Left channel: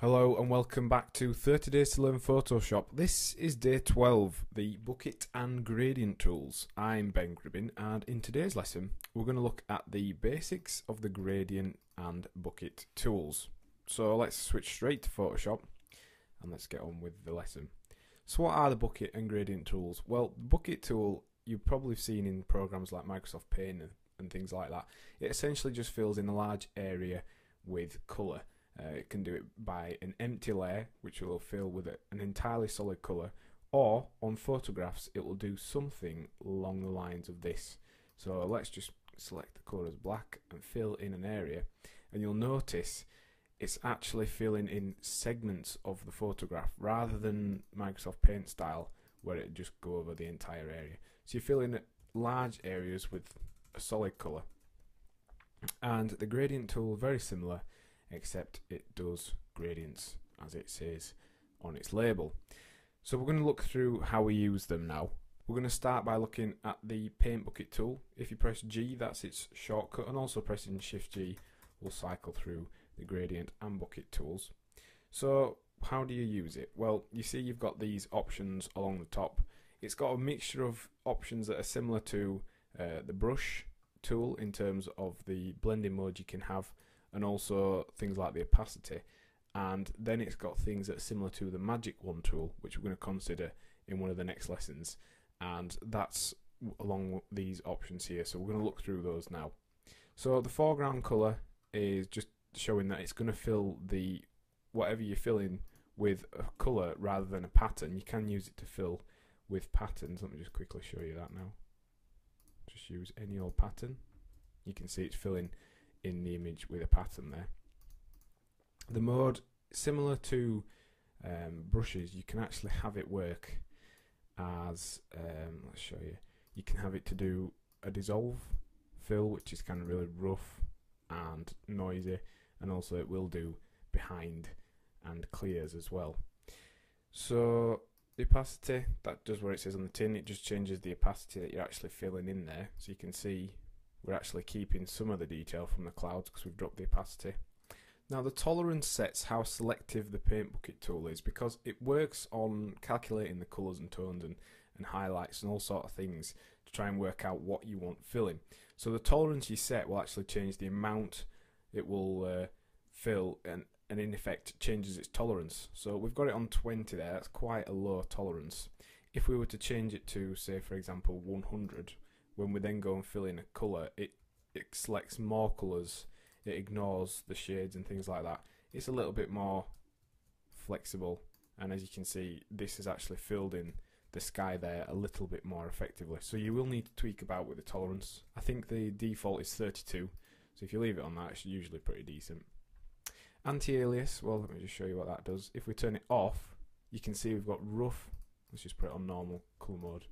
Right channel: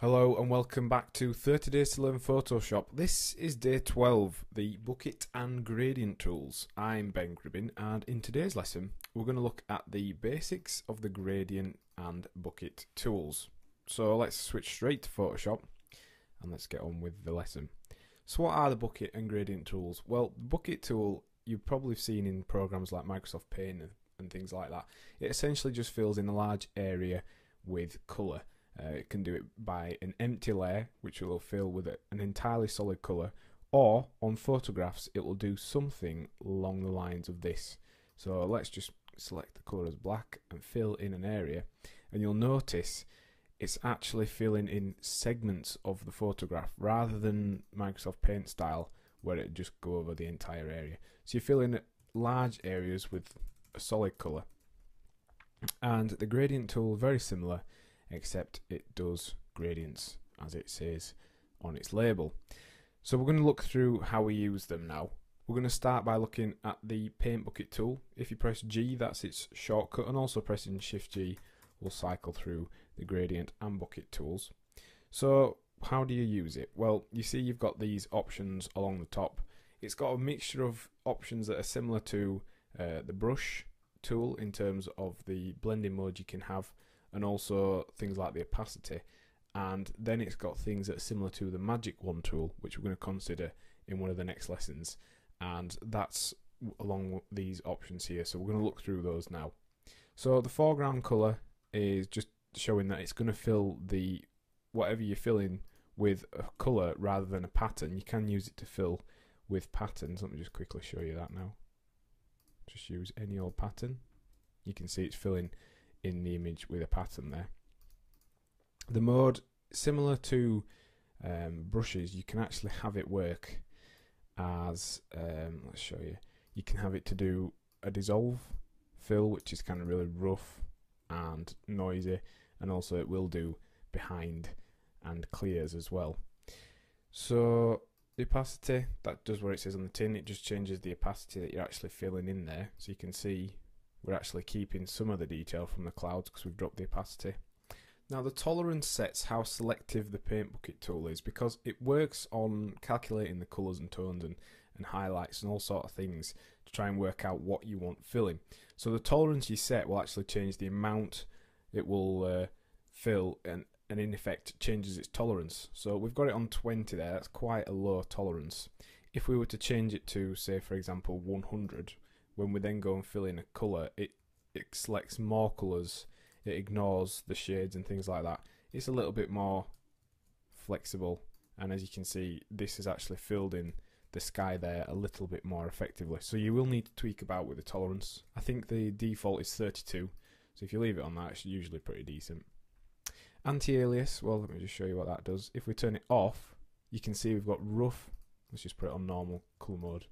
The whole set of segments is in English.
Hello and welcome back to 30 Days to Learn Photoshop. This is day 12, the Bucket and Gradient Tools. I'm Ben Gribbin, and in today's lesson we're going to look at the basics of the Gradient and Bucket tools. So let's switch straight to Photoshop and let's get on with the lesson. So what are the Bucket and Gradient tools? Well, the Bucket tool you've probably seen in programs like Microsoft Paint and things like that. It essentially just fills in a large area with colour. It can do it by an empty layer, which will fill with an entirely solid colour, or on photographs it will do something along the lines of this. So let's just select the colour as black and fill in an area, and you'll notice it's actually filling in segments of the photograph rather than Microsoft Paint style where it just go over the entire area. So you fill in large areas with a solid colour. And the gradient tool, very similar, except it does gradients as it says on its label. So we're going to look through how we use them now. We're going to start by looking at the Paint Bucket tool. If you press G, that's its shortcut, and also pressing Shift G will cycle through the Gradient and Bucket tools. So how do you use it? Well, you see you've got these options along the top. It's got a mixture of options that are similar to the brush tool in terms of the blending mode you can have, and also things like the opacity, and then it's got things that are similar to the Magic Wand tool, which we're going to consider in one of the next lessons, and that's along these options here. So we're going to look through those now. So the foreground colour is just showing that it's going to fill the whatever you're filling with a colour rather than a pattern. You can use it to fill with patterns. Let me just quickly show you that now. Just use any old pattern. You can see it's filling in the image with a pattern there. The mode, similar to brushes, you can actually have it work as, let's show you, you can have it to do a dissolve fill, which is kind of really rough and noisy, and also it will do behind and clears as well. So the opacity, that does what it says on the tin. It just changes the opacity that you're actually filling in there, so you can see we're actually keeping some of the detail from the clouds because we've dropped the opacity. Now the tolerance sets how selective the Paint Bucket tool is, because it works on calculating the colours and tones and highlights and all sort of things to try and work out what you want filling. So the tolerance you set will actually change the amount it will fill, and in effect changes its tolerance. So we've got it on 20 there, that's quite a low tolerance. If we were to change it to, say for example, 100, when we then go and fill in a colour, it selects more colours, it ignores the shades and things like that. It's a little bit more flexible, and as you can see, this has actually filled in the sky there a little bit more effectively. So you will need to tweak about with the tolerance. I think the default is 32, so if you leave it on that, it's usually pretty decent. Anti-alias, well, let me just show you what that does. If we turn it off, you can see we've got rough. Let's just put it on normal colour mode.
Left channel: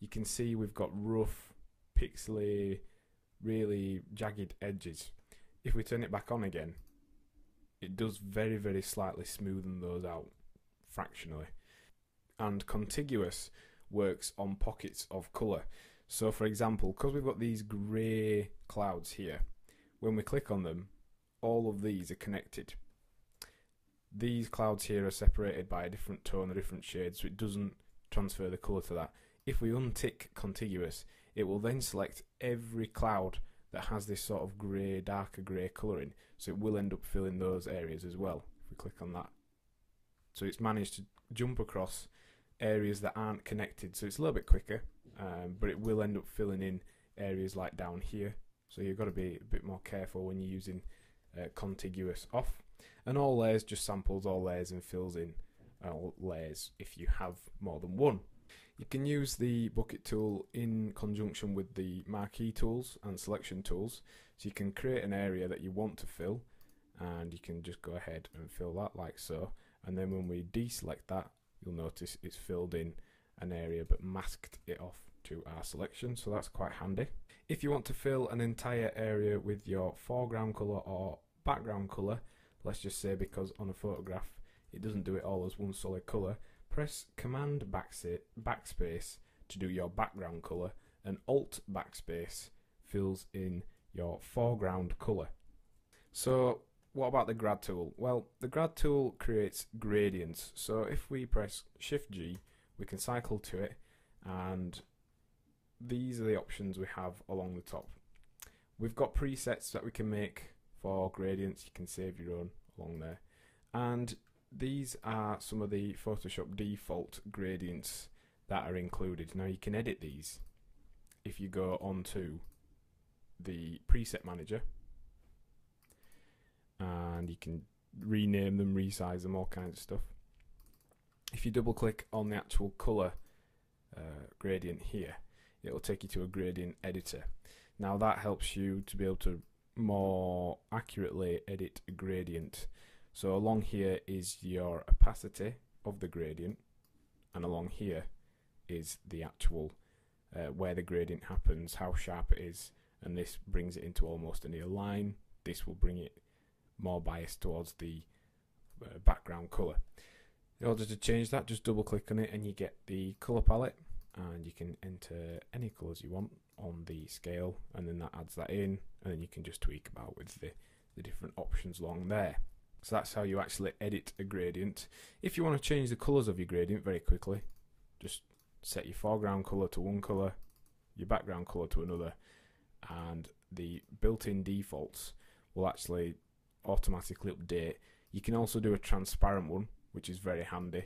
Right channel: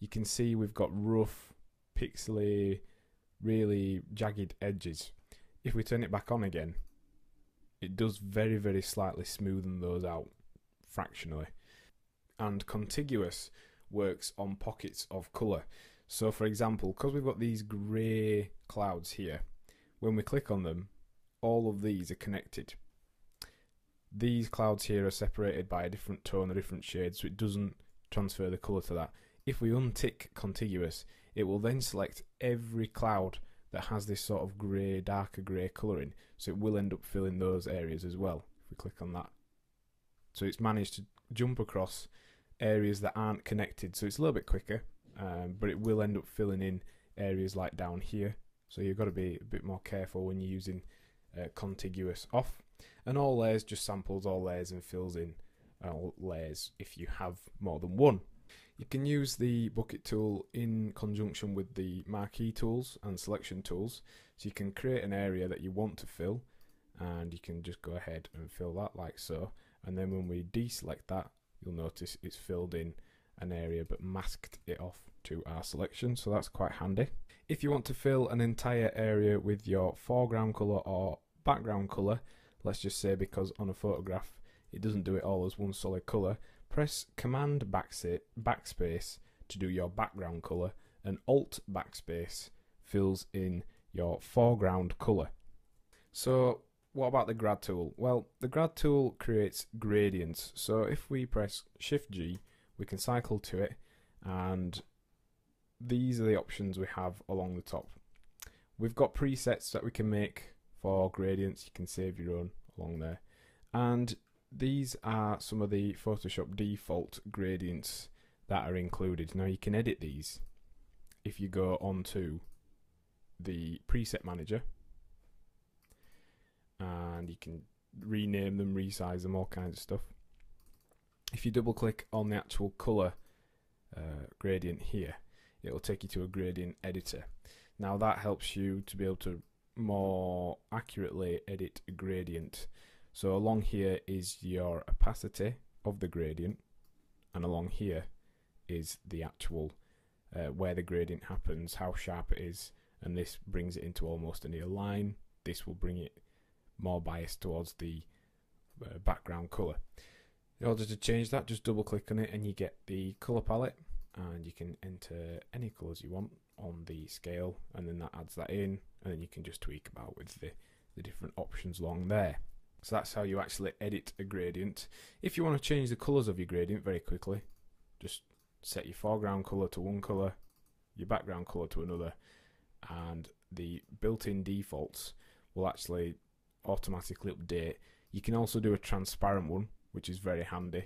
You can see we've got rough, pixely, really jagged edges. If we turn it back on again, it does very, very slightly smoothen those out fractionally. And contiguous works on pockets of colour. So for example, because we've got these grey clouds here, when we click on them, all of these are connected. These clouds here are separated by a different tone, a different shade, so it doesn't transfer the colour to that. If we untick contiguous, it will then select every cloud that has this sort of grey, darker grey colouring, so it will end up filling those areas as well if we click on that. So it's managed to jump across areas that aren't connected, so it's a little bit quicker, but it will end up filling in areas like down here, so you've got to be a bit more careful when you're using contiguous off. And all layers just samples all layers and fills in all layers if you have more than one. You can use the Bucket tool in conjunction with the marquee tools and selection tools, so you can create an area that you want to fill, and you can just go ahead and fill that like so, and then when we deselect that, you'll notice it's filled in an area but masked it off to our selection, so that's quite handy. If you want to fill an entire area with your foreground colour or background colour, let's just say because on a photograph it doesn't do it all as one solid colour, press Command backspace to do your background colour, and Alt backspace fills in your foreground colour. So what about the grad tool? Well, the grad tool creates gradients. So if we press Shift G, we can cycle to it, and these are the options we have along the top. We've got presets that we can make for gradients. You can save your own along there. And these are some of the Photoshop default gradients that are included. Now you can edit these if you go onto the preset manager, and you can rename them, resize them, all kinds of stuff. If you double click on the actual color gradient here, it will take you to a gradient editor. Now that helps you to be able to more accurately edit a gradient. So along here is your opacity of the gradient, and along here is the actual where the gradient happens, how sharp it is, and this brings it into almost a near line. This will bring it more biased towards the background color. In order to change that, just double click on it and you get the color palette, and you can enter any colors you want on the scale, and then that adds that in, and then you can just tweak about with the different options along there. So that's how you actually edit a gradient. If you want to change the colors of your gradient very quickly, just set your foreground color to one color, your background color to another, and the built-in defaults will actually automatically update. You can also do a transparent one, which is very handy.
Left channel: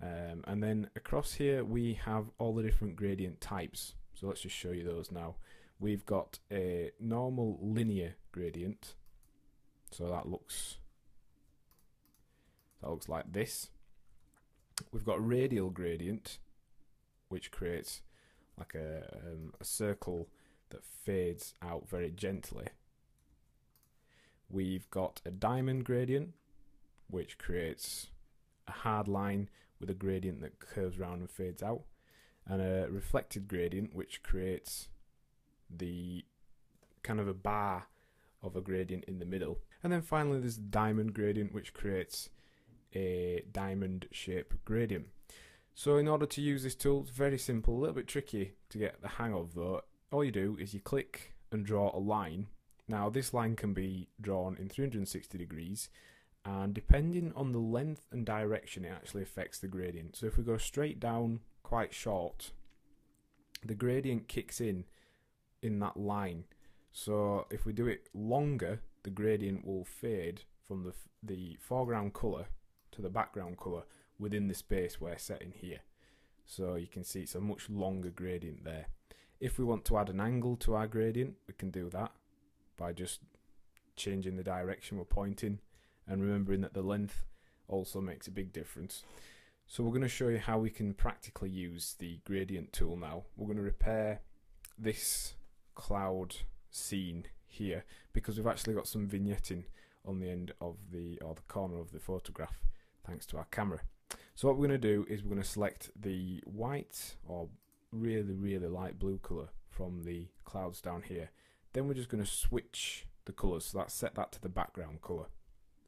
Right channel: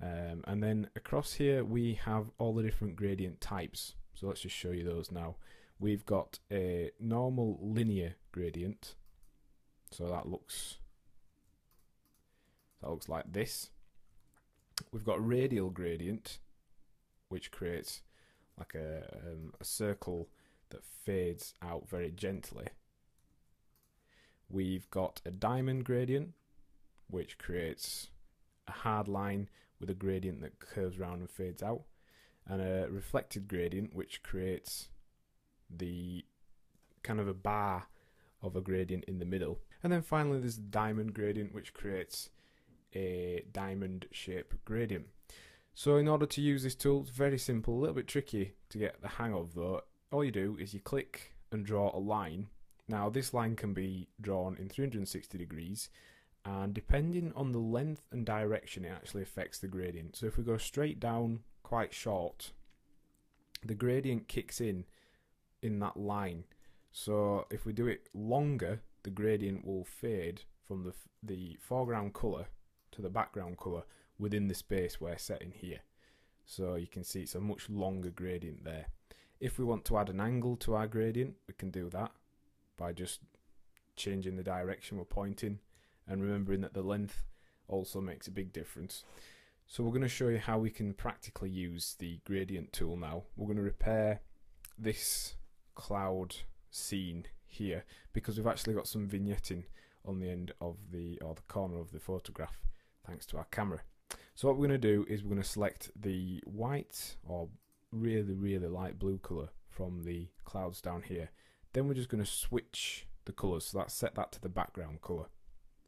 And then across here we have all the different gradient types. So let's just show you those now. We've got a normal linear gradient, so that looks like this. We've got radial gradient, which creates like a circle that fades out very gently. We've got a diamond gradient, which creates a hard line with a gradient that curves around and fades out, and a reflected gradient, which creates the kind of a bar of a gradient in the middle. And then finally there's the diamond gradient, which creates a diamond shape gradient. So in order to use this tool, it's very simple, a little bit tricky to get the hang of though. All you do is you click and draw a line. Now this line can be drawn in 360 degrees, and depending on the length and direction, it actually affects the gradient. So if we go straight down quite short, the gradient kicks in that line. So if we do it longer, the gradient will fade from the foreground colour to the background colour within the space we're setting here. So you can see it's a much longer gradient there. If we want to add an angle to our gradient, we can do that by just changing the direction we're pointing, and remembering that the length also makes a big difference. So we're going to show you how we can practically use the gradient tool now. We're going to repair this cloud scene here because we've actually got some vignetting on the end of the corner of the photograph thanks to our camera. So what we're going to do is we're going to select the white or really light blue colour from the clouds down here. Then we're just going to switch the colours, so that's set that to the background colour.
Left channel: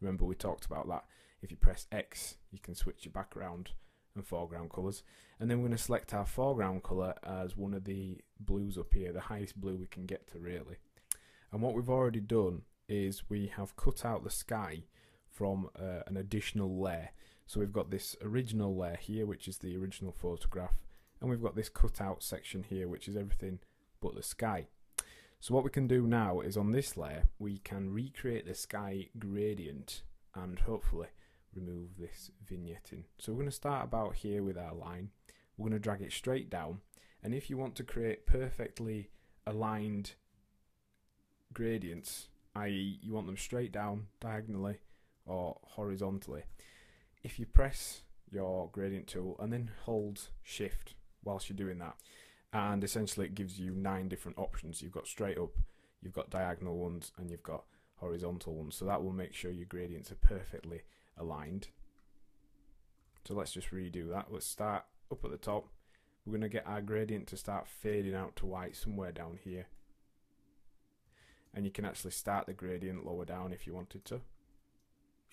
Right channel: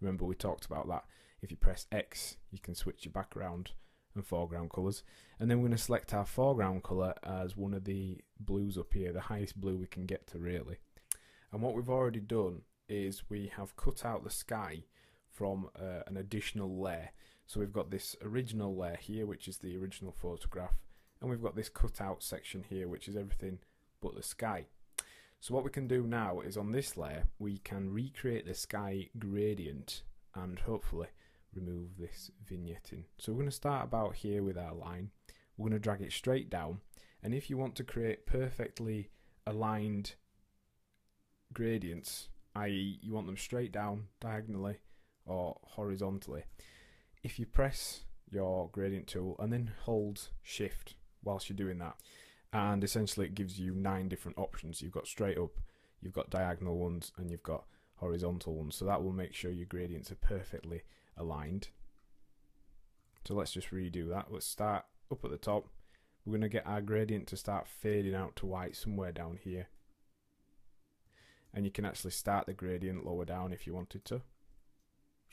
Remember we talked about that. If you press X, you can switch your background and foreground colours. And then we're going to select our foreground colour as one of the blues up here, the highest blue we can get to really. And what we've already done is we have cut out the sky from an additional layer. So we've got this original layer here, which is the original photograph, and we've got this cut out section here, which is everything but the sky. So what we can do now is on this layer we can recreate the sky gradient and hopefully remove this vignetting. So we're going to start about here with our line. We're going to drag it straight down, and if you want to create perfectly aligned gradients, i.e. you want them straight down diagonally or horizontally, if you press your gradient tool and then hold shift whilst you're doing that, and essentially it gives you 9 different options. You've got straight up, you've got diagonal ones, and you've got horizontal ones. So that will make sure your gradients are perfectly aligned. So let's just redo that. Let's start up at the top. We're going to get our gradient to start fading out to white somewhere down here. And you can actually start the gradient lower down if you wanted to.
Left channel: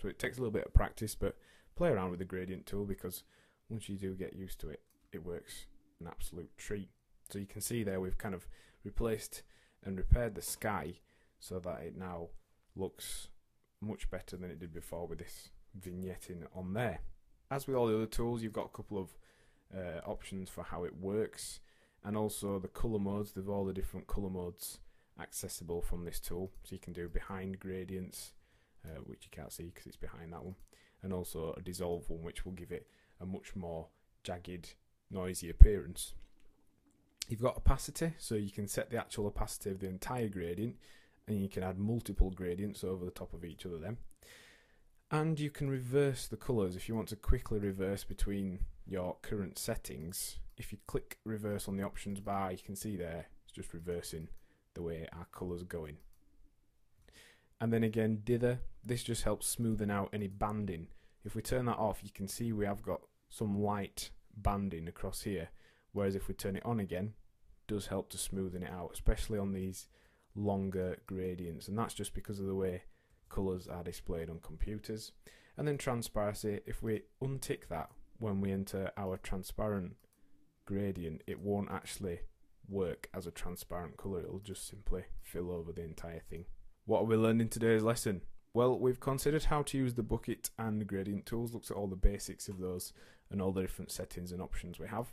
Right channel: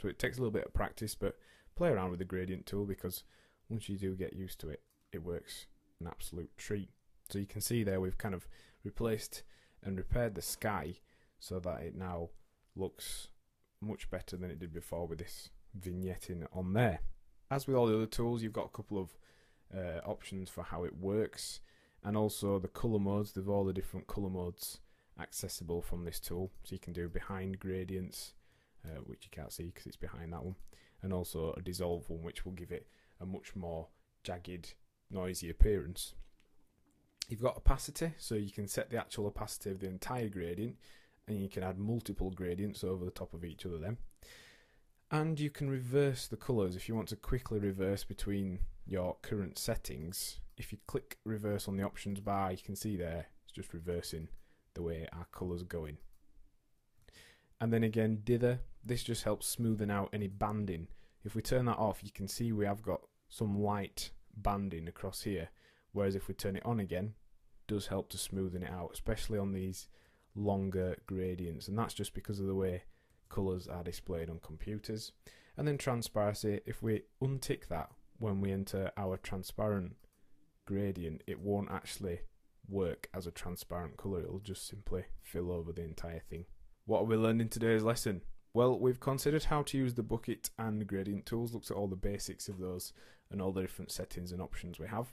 So it takes a little bit of practice, but play around with the gradient tool, because once you do get used to it, it works an absolute treat. So you can see there we've kind of replaced and repaired the sky so that it now looks much better than it did before with this vignetting on there. As with all the other tools, you've got a couple of options for how it works, and also the colour modes. They've all the different colour modes accessible from this tool, so you can do behind gradients, which you can't see because it's behind that one, and also a dissolve one, which will give it a much more jagged, noisy appearance. You've got opacity, so you can set the actual opacity of the entire gradient, and you can add multiple gradients over the top of each other then. And you can reverse the colours if you want to quickly reverse between your current settings. If you click reverse on the options bar, you can see there it's just reversing the way our colours are going. And then again, dither, this just helps smoothing out any banding. If we turn that off, you can see we have got some light banding across here, whereas if we turn it on again, it does help to smoothen it out, especially on these longer gradients, and that's just because of the way colours are displayed on computers. And then transparency, if we untick that when we enter our transparent gradient, it won't actually work as a transparent colour, it'll just simply fill over the entire thing. What are we learning in today's lesson? Well, we've considered how to use the bucket and gradient tools, looked at all the basics of those and all the different settings and options we have.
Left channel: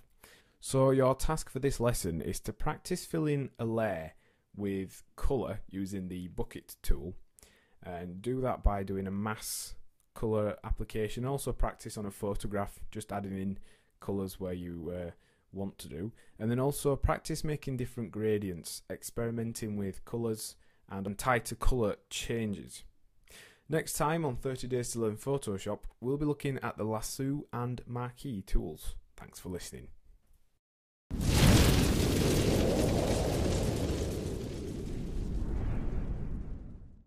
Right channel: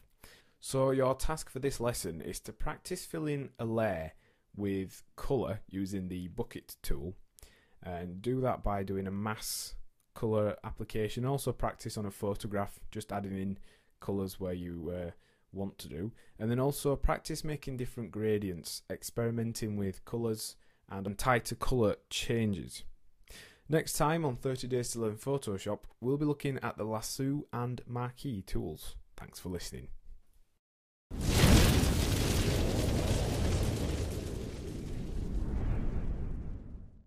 So your task for this lesson is to practice filling a layer with colour using the bucket tool, and do that by doing a mass colour application. Also practice on a photograph, just adding in colours where you want to do, and then also practice making different gradients, experimenting with colours and tighter colour changes. Next time on 30 Days to Learn Photoshop, we'll be looking at the lasso and marquee tools. Thanks for listening.